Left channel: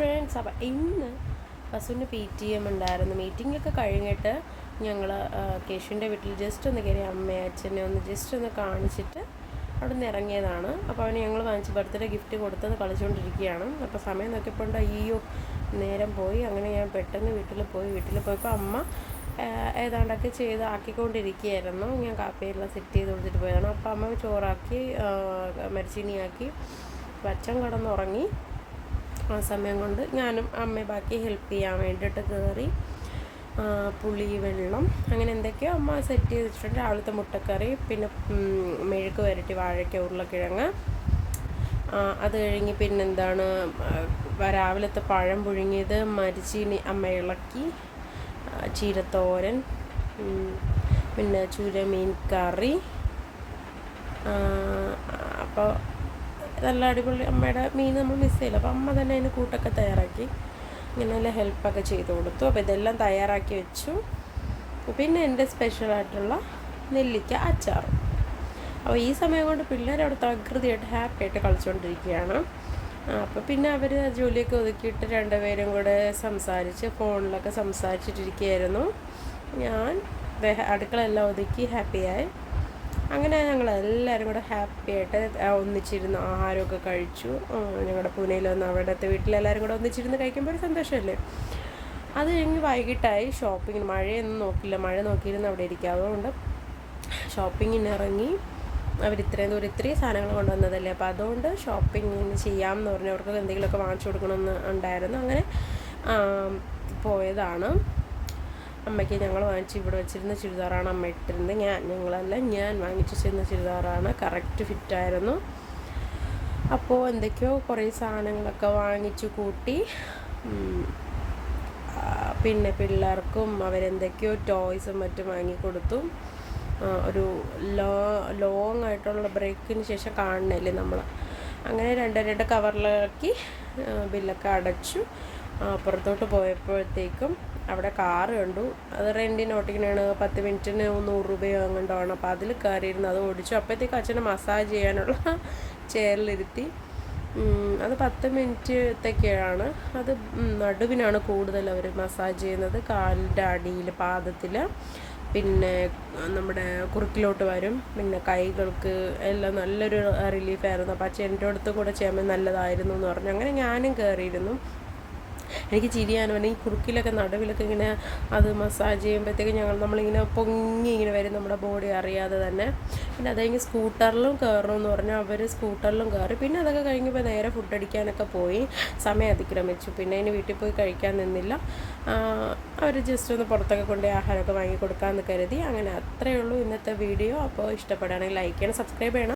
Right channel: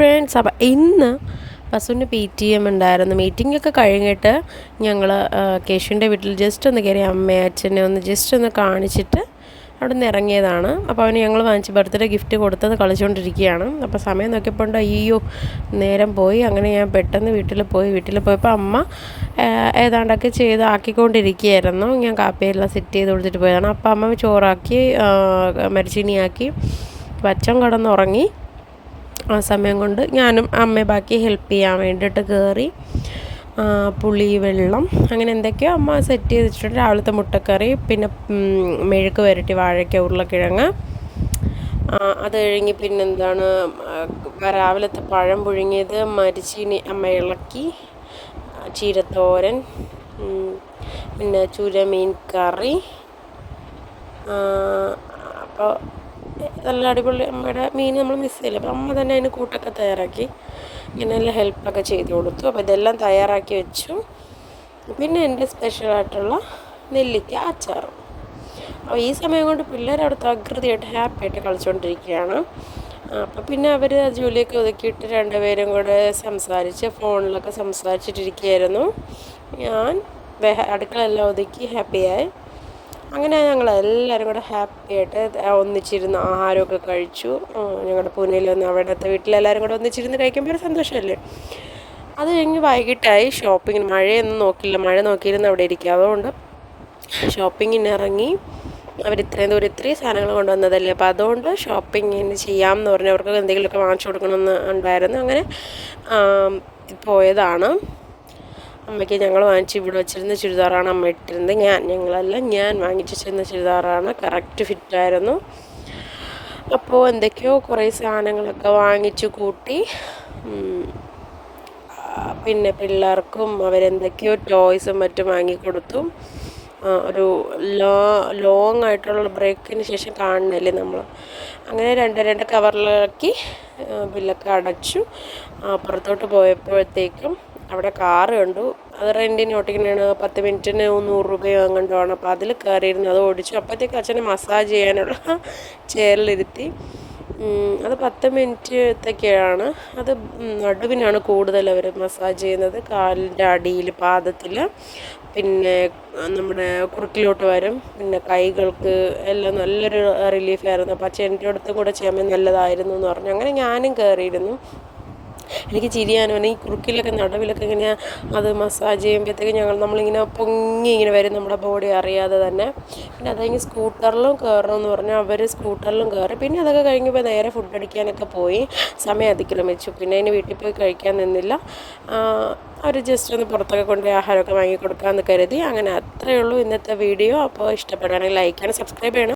Friends അപ്പം ഇന്ന് ബസ്സുവിന്റെ പി ടി എം ഉണ്ടായിരുന്നു. മീറ്റിംഗ് ഒക്കെ കഴിഞ്ഞിട്ട് ഞങ്ങൾ കേശുവിന്റെ വീട്ടിൽ ജസ്റ്റ് ഒന്ന് കയറി അമ്മയെ അച്ഛനെ ഒന്ന് ജസ്റ്റ് ഒന്ന് കാണിച്ചിട്ട് അവിടെ നിന്ന് ഇറങ്ങിയതാണ്. അപ്പോൾ അവന് ഞങ്ങൾ വാങ്ങിച്ച് ബർത്ത്ഡേ ഗിഫ്റ്റ് കൊടുത്തത് കളിച്ചുകൊണ്ടിരിക്കുകയാണ് അപ്പോൾ സമയം നോക്കിയപ്പോൾ അയ്യോ നേരം പോയി. അങ്ങനെ ഞാൻ പെട്ടെന്ന് വീട്ടിൽ പോയി. വീട്ടിൽ പോയപ്പോൾ അമ്മ ഏതാണ്ടൊക്കെ ചെയ്ത് ആക്കിക്കൊണ്ടിരിക്കുകയായിരുന്നു. ഞാൻ കാപ്പിയെല്ലാം സെറ്റ് ചെയ്ത് കൊടുത്തിട്ട് പോയതാണ്. അപ്പോൾ അമ്മ ചോറാക്കി മരിച്ചിനിയാക്കി വച്ചം കടന്നുറങ്ങി. ആ സമയം കൊണ്ട് ഞാനും അമ്മയെ ബാക്കി ഹെൽപ്പ് ചെയ്യാൻ വേണ്ടിയിട്ട് കയറി പുളി വെള്ളം അങ്ങനെ എന്തൊക്കെയോ അമ്മ സെറ്റ് ചെയ്ത് വെച്ചിട്ടുണ്ട് രാവിലത്തെ മുട്ടക്കറി പിന്നെ മെഴുക്ക് വരട്ടി വാഴയ്ക്ക ഉരുളക്കിഴങ്ങ്. അത് കഴിഞ്ഞ് പിന്നെന്താണ് രാവിലത്തെ പഴം പുഴുങ്ങിയത് മരിച്ചീനി അമ്മ ഇളക്കി ചീരത്തോരൻ പിന്നെ ചുരമീൻ കറി അപ്പോൾ നല്ല അടിപൊളി അമ്മയുടെ മീൻ നമ്മൾ മിസ് ചെയ്യില്ല. അപ്പോൾ അമ്മ തന്നെ അതിന് കൂട്ടൊക്കെ തയ്യാറാക്കി. ഇങ്ങനെ നല്ല ഹെൽപ്പൊക്കെ ചെയ്ത് കൊടുത്തു. അപ്പോൾ ഇതെല്ലാം തയ്യാറാക്കി വെച്ചു. പിന്നെ എന്റെ സ്പെഷ്യലായിട്ടുള്ള നെല്ലിക്ക അച്ചാറും അപ്പോൾ ഈ സമയം കൊണ്ട് പിള്ളേരവിടുത്തെ അകൃതിയായിട്ട് ഹാപ്പി ആയിട്ട് കളിച്ചുകൊണ്ടിരിക്കുകയാണ് അപ്പോൾ പിന്നെ അവർ ജോലിയൊക്കെ ഒതുക്കിയിട്ട് രണ്ടുപേരും കൂടെ സംസാരിച്ച് ഫോണിലൊക്കെ സംസാരിച്ചിട്ടിരിക്കുകയായിരുന്നു. ഞാൻ അടുക്കളയെല്ലാം ഒതുക്കി ഹാപ്പിയായി അങ്ങനെ ഞങ്ങൾ എല്ലാവരും കൂടെ ഹാപ്പി ആയിട്ട് ഒന്നിച്ചിരുന്ന് ആഹാരമൊക്കെ കഴിച്ചു. ഞങ്ങളുടെ പൂനെയിൽ വന്ന് അവിടുത്തെ വീട്ടിലെല്ലാവരും കൂടെ ഒന്നിച്ചിരുന്ന് കഴിക്കുമ്പോൾ ഒരു സന്തോഷമല്ലേ? അത് കഴിഞ്ഞ് വൈകിട്ടായി ഷോപ്പിങ്ങിന് മഴയൊന്നും നോക്കില്ല. മഴ നോക്കിയിരുന്ന് അവിടെ ഇരിക്കുക. അതുകൊണ്ട് ഷോപ്പിങ്ങിന് ഇറങ്ങി അവർ ഇത്രയും ദൂരം ഇത്രയും സാധനങ്ങൾ കൊണ്ടുവന്നതല്ലേ? അപ്പോൾ അതുകൊണ്ട് ഷോപ്പിങ്ങിന് ചെയ്യാമെന്ന് പറഞ്ഞ് അവർക്ക് എന്തെങ്കിലുമൊക്കെ വാങ്ങിച്ചു കൊടുക്കണമെന്ന് ഉണ്ടായിരുന്നു. അങ്ങനെ പോയതാണ്. അമ്മയ്ക്ക് ഞങ്ങൾ വാങ്ങിച്ച് ഇവിടെ വെച്ചിരുന്ന ചുരിദാറാണ് അമ്മ ഇട്ടിരുന്നത്. ഞാൻ ഞങ്ങളല്ല ഞാൻ വാങ്ങിച്ചു വെച്ചിരുന്ന ചുരിദാറാണ്. കറക്റ്റ് ഫിറ്റായിരുന്നു അപ്പോൾ എന്തൊക്കെയോ കുറേ സാധനങ്ങളൊക്കെ വാങ്ങിച്ചു കൂട്ടി. പിന്നെ പിള്ളേർക്കും അവരെന്തൊക്കെയോ ടോയ്സും മറ്റും വാങ്ങിക്കൊടുത്തു. ഒരു ലോ ലോങ് ആയിട്ടുള്ള ബ്രേക്കിന് ശേഷം കാണുന്നില്ലേ നമ്മൾ? അങ്ങനെ രണ്ട് രണ്ട് കവറിലാക്കി ബില്ലൊക്കെ അടച്ചു. അപ്പുറത്തോട്ട് പോയപ്പോഴത്തേക്കും അവിടെ കാറ് കണ്ടു. അത് റെന്റിന് ഓട്ടിക്കുന്നതാണ് പത്ത് മിനിറ്റിന് നൂറ് രൂപയോ അങ്ങോട്ടാണ് അപ്പോൾ അതിൽ കയറിയിരുന്നു. അത് ഓടിച്ചു. അപ്പോഴത്തേക്ക് അച്ഛനെ മസാജ് ചെയ്യാനുള്ള ചെയറിലിരുത്തി അത് പത്ത് മിനിറ്റത്തേക്കാണ്. അത് നടുവിനാണ് കൂടുതൽ അവർ മസാജ് ചെയ്യുന്നത്. കാലിന്റെ അടിയിൽ പാദത്തിൽ. പിന്നെ നമ്മുടെ കുറുക്കിലോട്ട് വരും. പിന്നെ കൈകൾക്ക് എല്ലാം നല്ലൊരു റിലീഫായിരുന്നു അപ്പോൾ അച്ഛൻ എന്റെ അടുത്തും കൂടെ ചെയ്യാൻ നല്ലതായിരുന്നു എന്ന് പറഞ്ഞു. അങ്ങനെ ഞാനും കയറിയിരുന്നു. എനിക്ക് ചിരിയാനും ഈ കുറുക്കിലൊക്കെ നടുവിലൊക്കെ ഇങ്ങനെ അത് മസാജ് ചെയ്യുമ്പോഴത്തേക്ക് ഞങ്ങൾ നമ്മളിങ്ങനെ പൊങ്ങി ഇങ്ങനെ വരും. നമ്മുടെ ബോഡി അറിയാതെ തന്നെ. പിന്നെ അത് കഴിഞ്ഞ് സ്കൂട്ടറിലും കയറണം എന്ന് പറഞ്ഞാൽ അവർ സ്കൂട്ടറിലും കയറി. പിന്നെ അതൊക്കെ കഴിഞ്ഞപ്പോൾ നേരെ ഫുഡ് അടിക്കാനൊക്കെ പോയി. സമയം അതിക്രമിച്ചു. പിന്നെ അതിന് വീട്ടിൽ പോയി കഴിക്കാൻ നിന്നില്ല. അവർ ജസ്റ്റ് ഒന്ന് പുറത്തൊക്കെ കൊണ്ട് ആഹാരമൊക്കെ വാങ്ങി കൊടുക്കാമെന്ന് കരുതി. അങ്ങനെ അത്രയേ ഉള്ളൂ ഇന്നത്തെ വീഡിയോ അപ്പോൾ ഇഷ്ടപ്പെടുകയാണെങ്കിൽ ലൈക്ക് ചെയ്യണം സബ്സ്ക്രൈബ് ചെയ്യണം.